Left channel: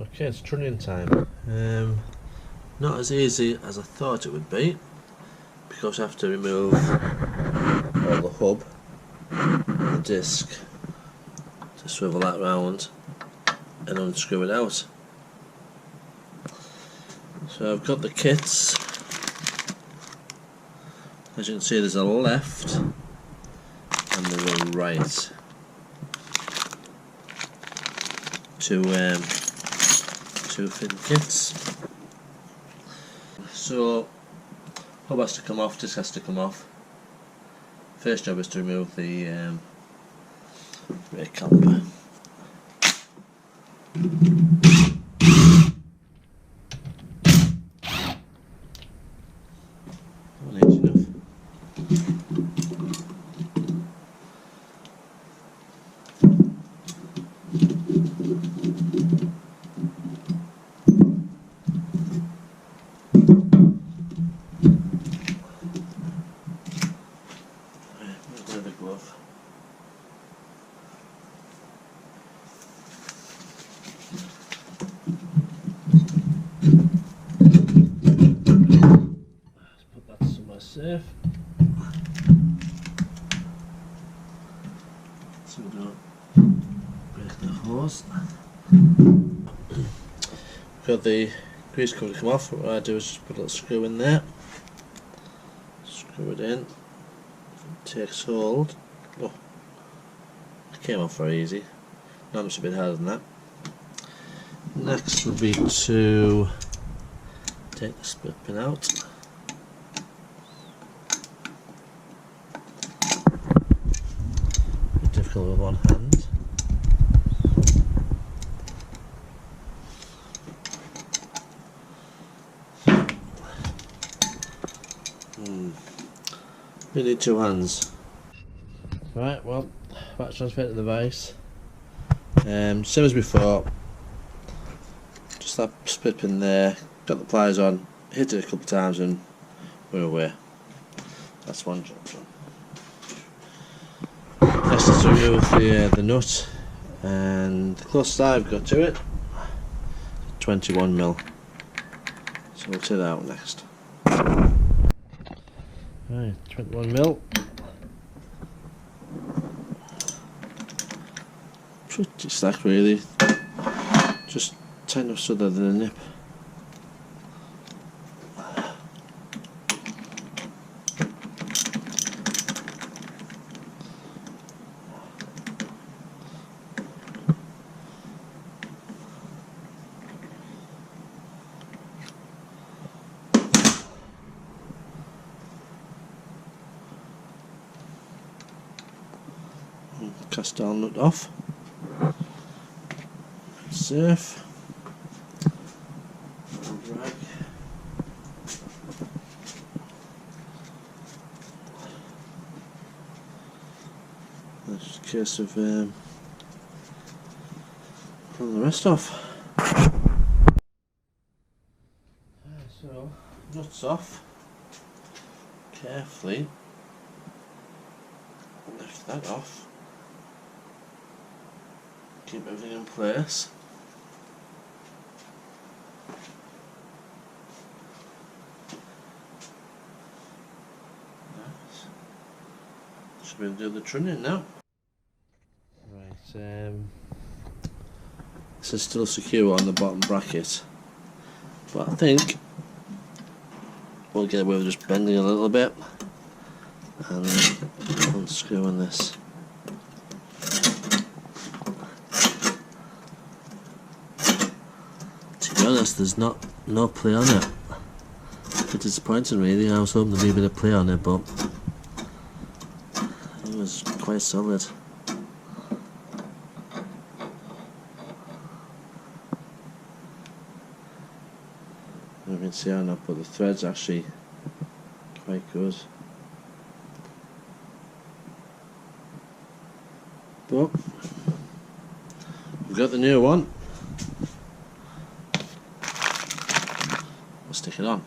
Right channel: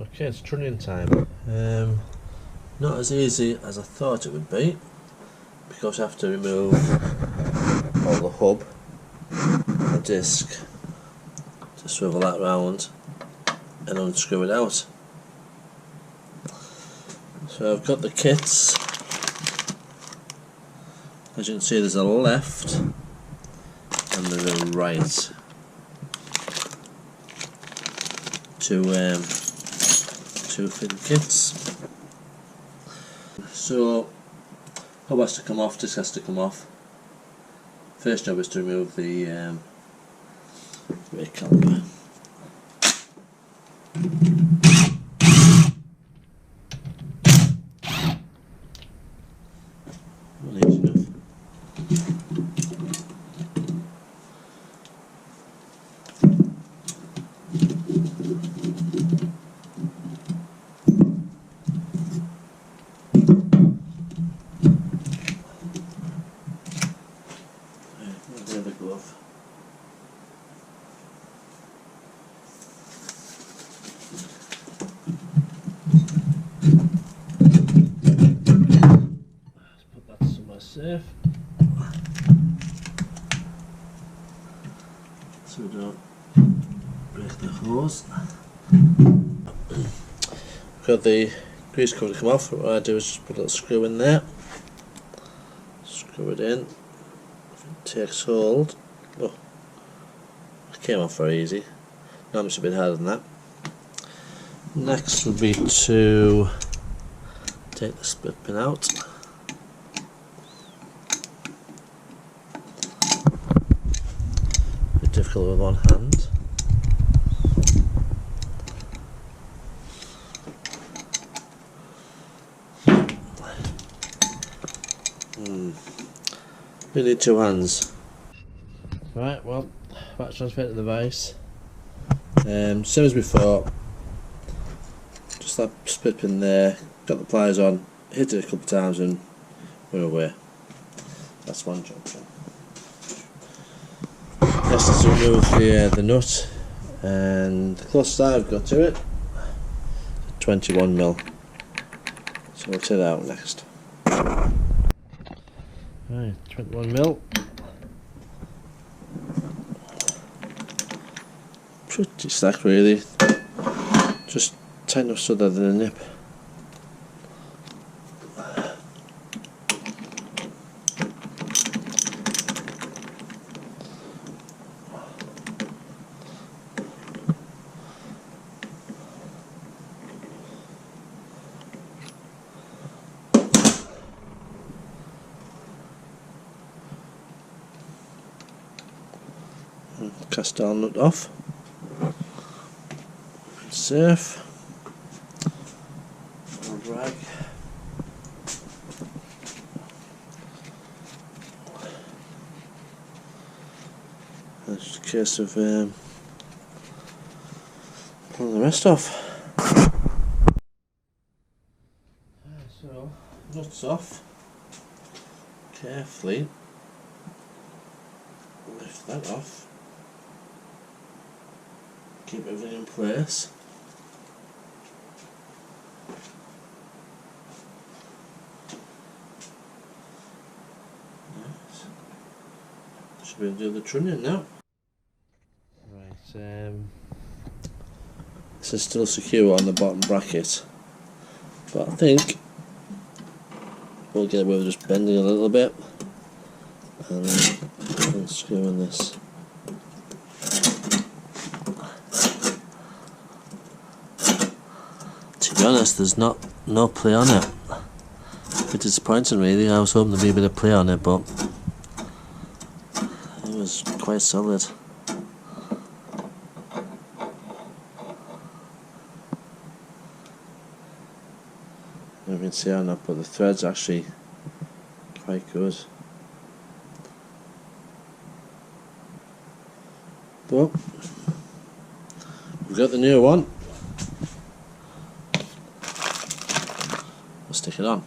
Okay, it's Trunion time. Not as easy as I thought it would be, because I have to remove all the hub and the disc to swivel that round and unscrew it out. So I've got the kits. As you can see, there's a left and there's a right. Two fitting kits. So hub has to come off, disc has to come off. First job is to remove the rear caliper. Well, easy enough. Where's the glove? Let's put that somewhere safe so we don't break the hose. Got the grease cover to come off. What I do is just put a little screw in there, screw it in. If it takes hold, oh, it came off very easy. Not much a bit harder than that. Next would be to take the split pin out. A bit difficult with one hand. You need two hands. Right, well, back transfer to the vise. Same as before. Just that split pin there. Got the pliers on. Hit it a couple of times and we're away. That's one job done. Next is to remove the nut, and the closest I've got to it is 21mm. So we'll take that out next. Right, 21mm. Pretty slack really. Just tight enough so that there's a nip. Cast our nut off. Safe. And drag. That's a case of pulling the rest off. So nuts off. Carefully lift that off. Keep everything in place. Nice. Should be able to do the Trunion now. Right, this is still secure on the bottom bracket, but I think we'll get away with just bending a little bit and unscrewing this. To be honest, there's no play on it. A bit disappointing really. I was hoping there'd be a bit of play on it, but it was quite solid. You can see how not, but the thread's actually quite good. But we've got the new one. We'll stick it on.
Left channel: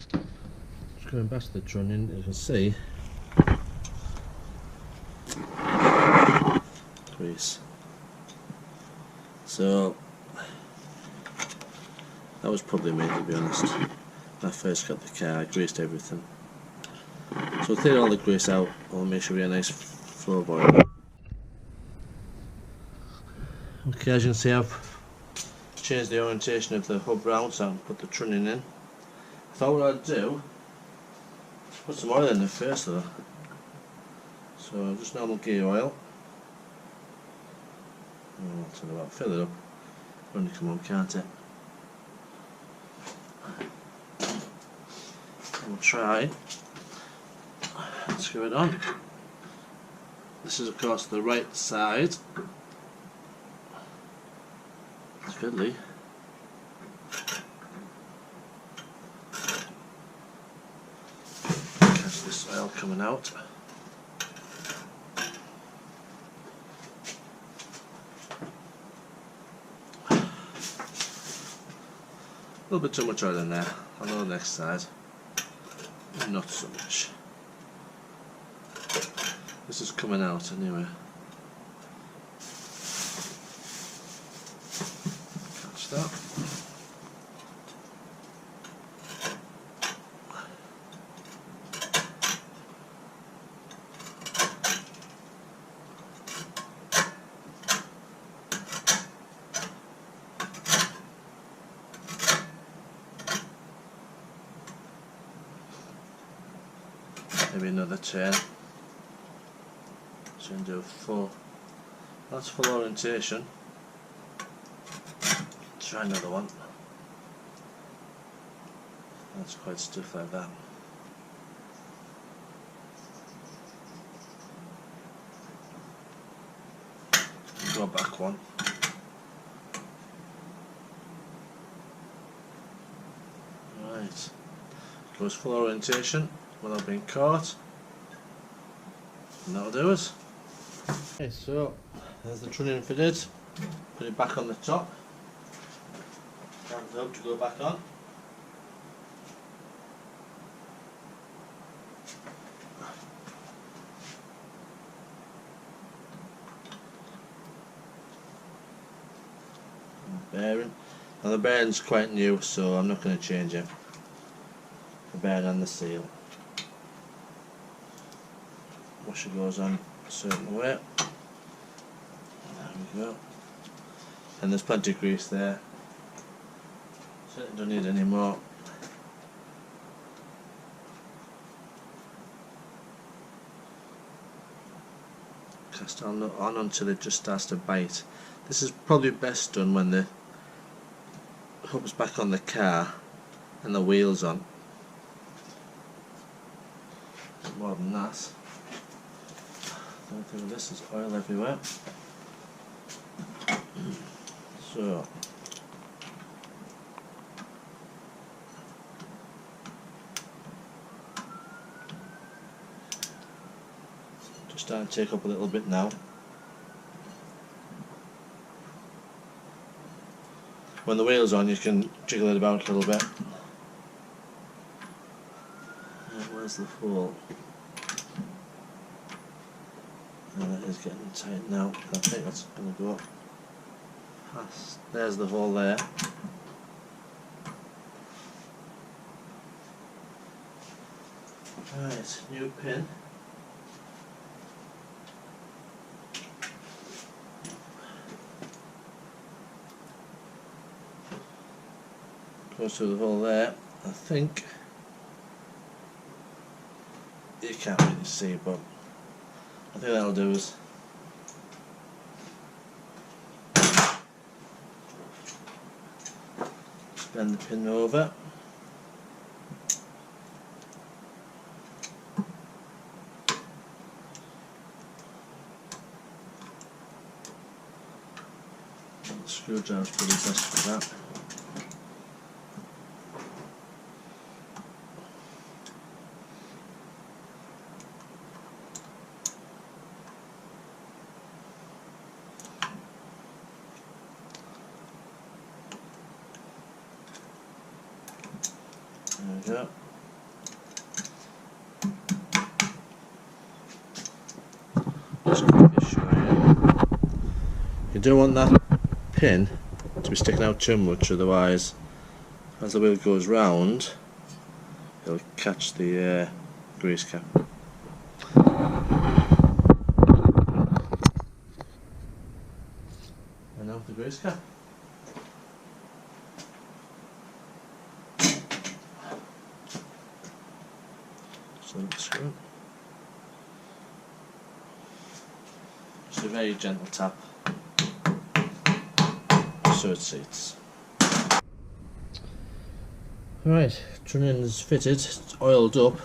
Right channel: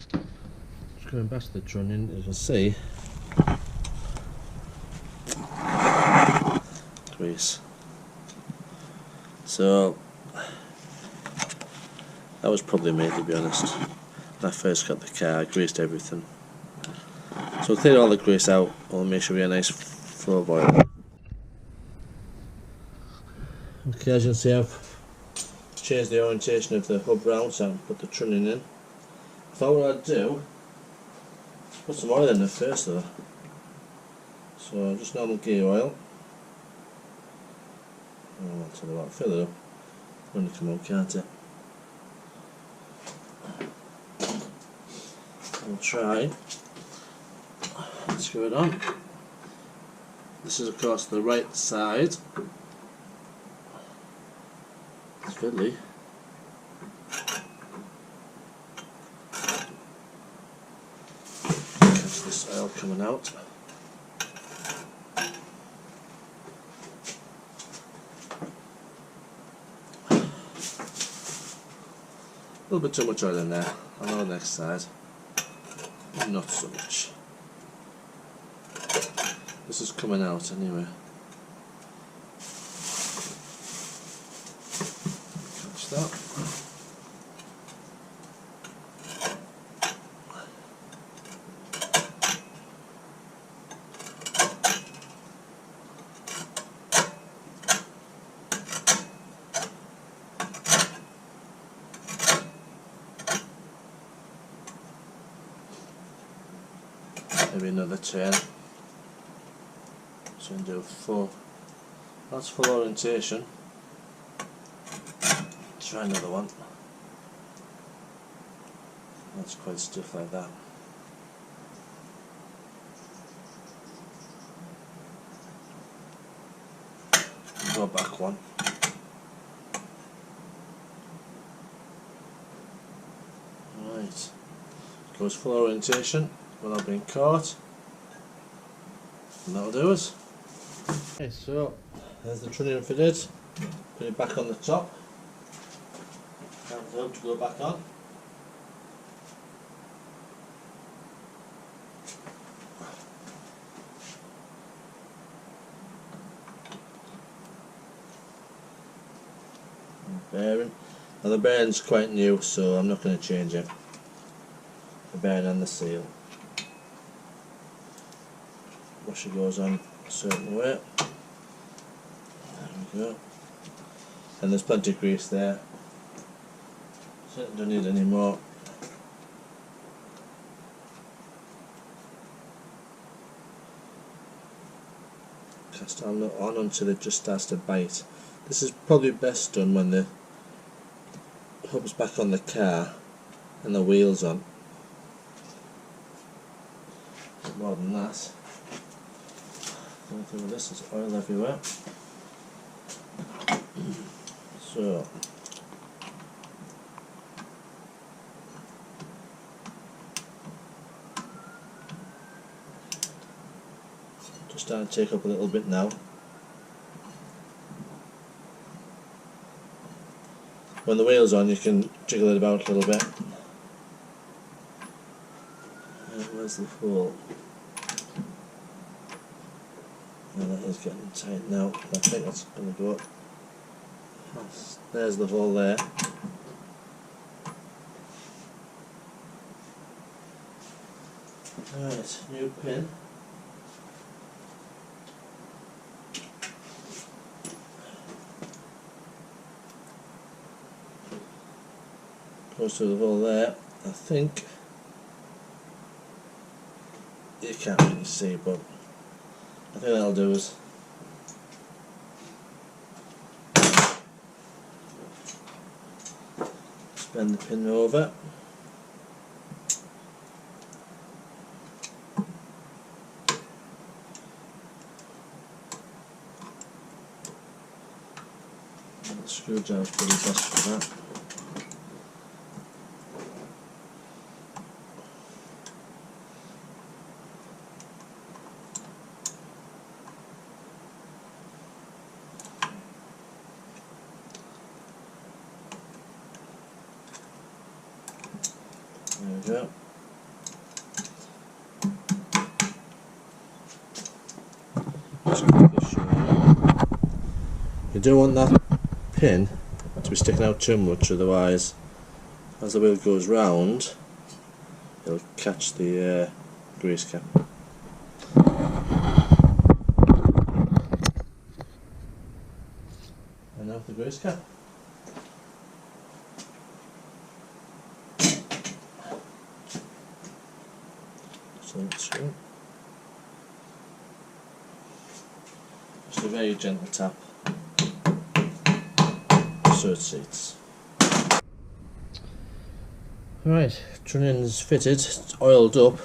Just going back to the Trunion, as you can see, grease. So That was probably me, to be honest. When I first got the car, I greased everything. So we'll clear all the grease out, and we'll make sure we get a nice flow of oil. Okay, as you can see, I've changed the orientation of the hub round, so I can put the trunnion in. I thought what I'd do, put some oil in there first though. So just normal gear oil. Oh, I'll tell you what, fill it up. Only come on, can't it? We'll try. Screw it on. This is of course the right side. It's fiddly. Catch this oil coming out. A little bit too much oil in there. On the next side, not so much. This is coming out anyway. Catch that. Maybe another turn. So you can do full. That's full orientation. Try another one. That's quite stiff like that. Go back one. Right. Goes full orientation without being caught. And that'll do us. Okay, so there's the trunnion fitted. Put it back on the top. Have the hub to go back on. Bearing. Now the bearing's quite new, so I'm not going to change it. The bearing and the seal. Washer goes on a certain way. There we go. And there's plenty of grease there. Certainly don't need any more. Cast on until it just starts to bite. This is probably best done when the hub's back on the car and the wheels on. More than that. The only thing with this is oil everywhere. So just starting to take up a little bit now. When the wheel's on, you can jiggle it about a little bit. Where's the hole? And that is getting tight now. I think that's going to go past. There's the hole there. Right, new pin. Goes through the hole there. I think you can't really see, but I think that'll do us. Just bend the pin over. And the screwdriver's probably best for that. There we go. Just quickly show you. You don't want that pin to be sticking out too much, otherwise as the wheel goes round, it'll catch the grease cap. And now the grease cap. So screw. Just a very gentle tap so it seats. Right, Trunion's fitted, it's oiled up.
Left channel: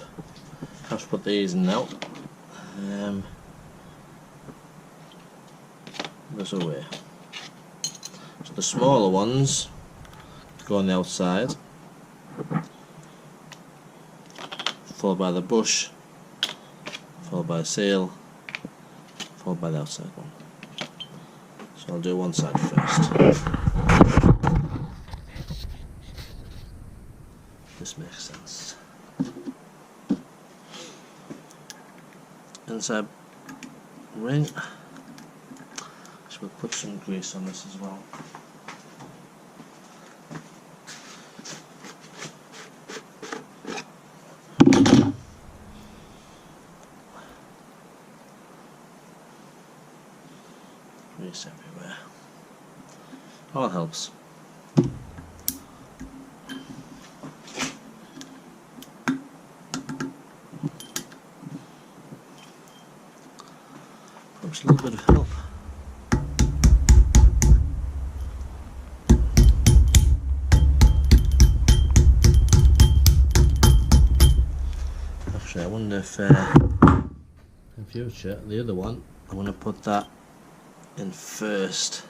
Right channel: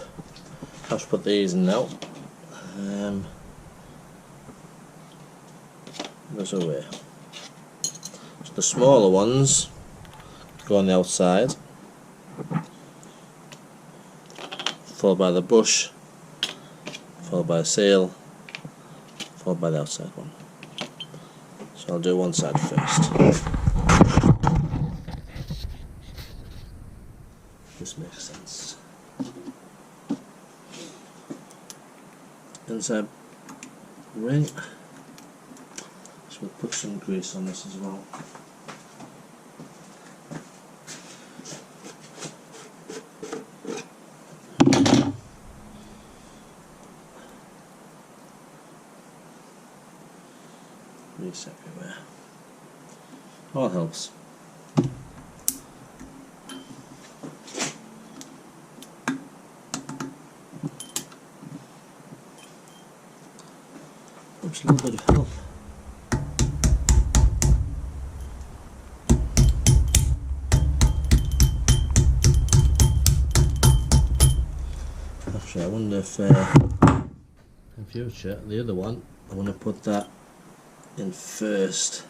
Have to put these in now. There's a way. So the smaller ones go on the outside, followed by the bush, followed by the sail, followed by the outside one. So I'll do one side first. This makes sense. Inside ring. So we'll put some grease on this as well. Grease everywhere. All helps. Perhaps a little bit of help. Actually, I wonder if in future the other one, I want to put that in first.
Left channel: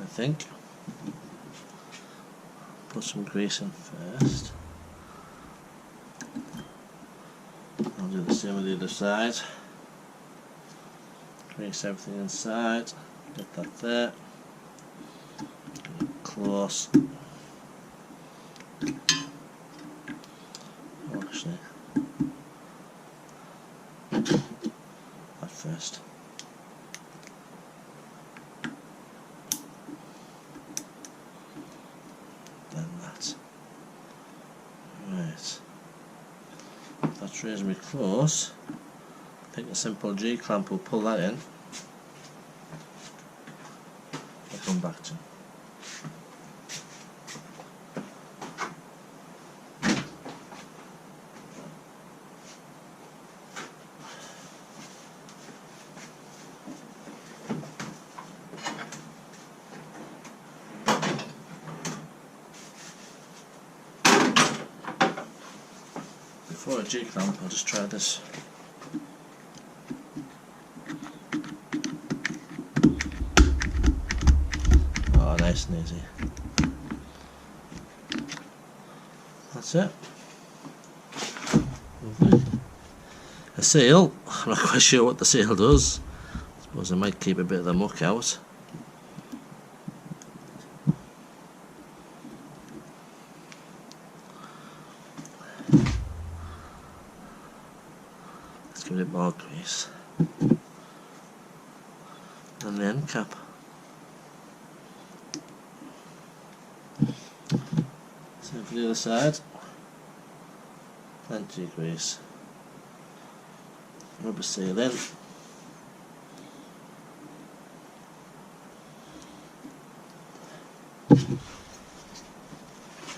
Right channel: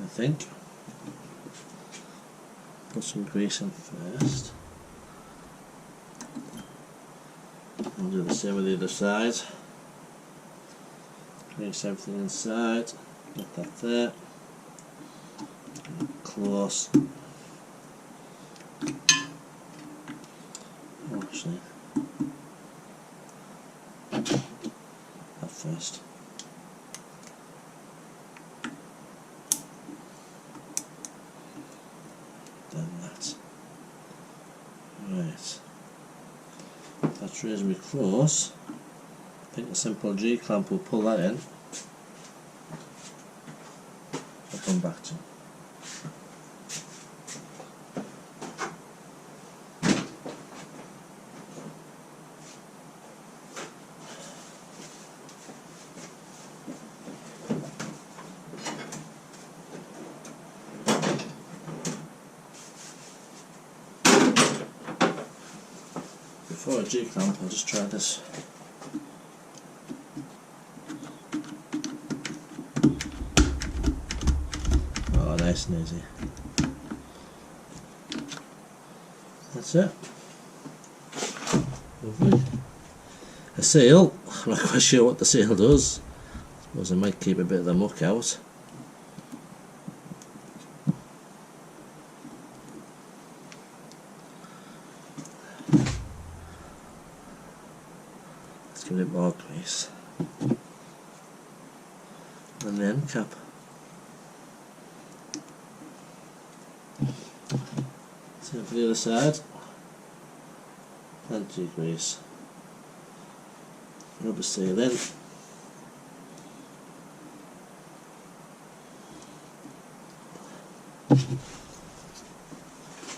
I think. Put some grease in first. I'll do the same with the other side. Grease everything inside. Get that there. Get it close. Oh, actually, that first. Then that. Right. That's reasonably close. I think the simple G clamp will pull that in. I'll come back to. Before a G clamp, I'll just try this. Oh, nice and easy. That's it. Lovely. A seal. I'm not quite sure what the seal does. I suppose I might keep a bit of the muck out. Give it more grease. And the end cap. Same for the other side. Plenty of grease. Rubber seal in.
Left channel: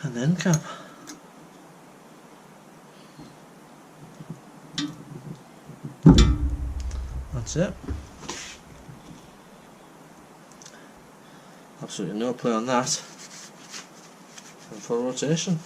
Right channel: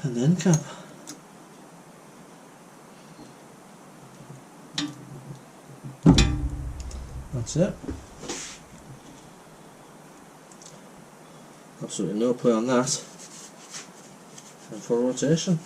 And the end cap. That's it. Absolutely no play on that. And full rotation.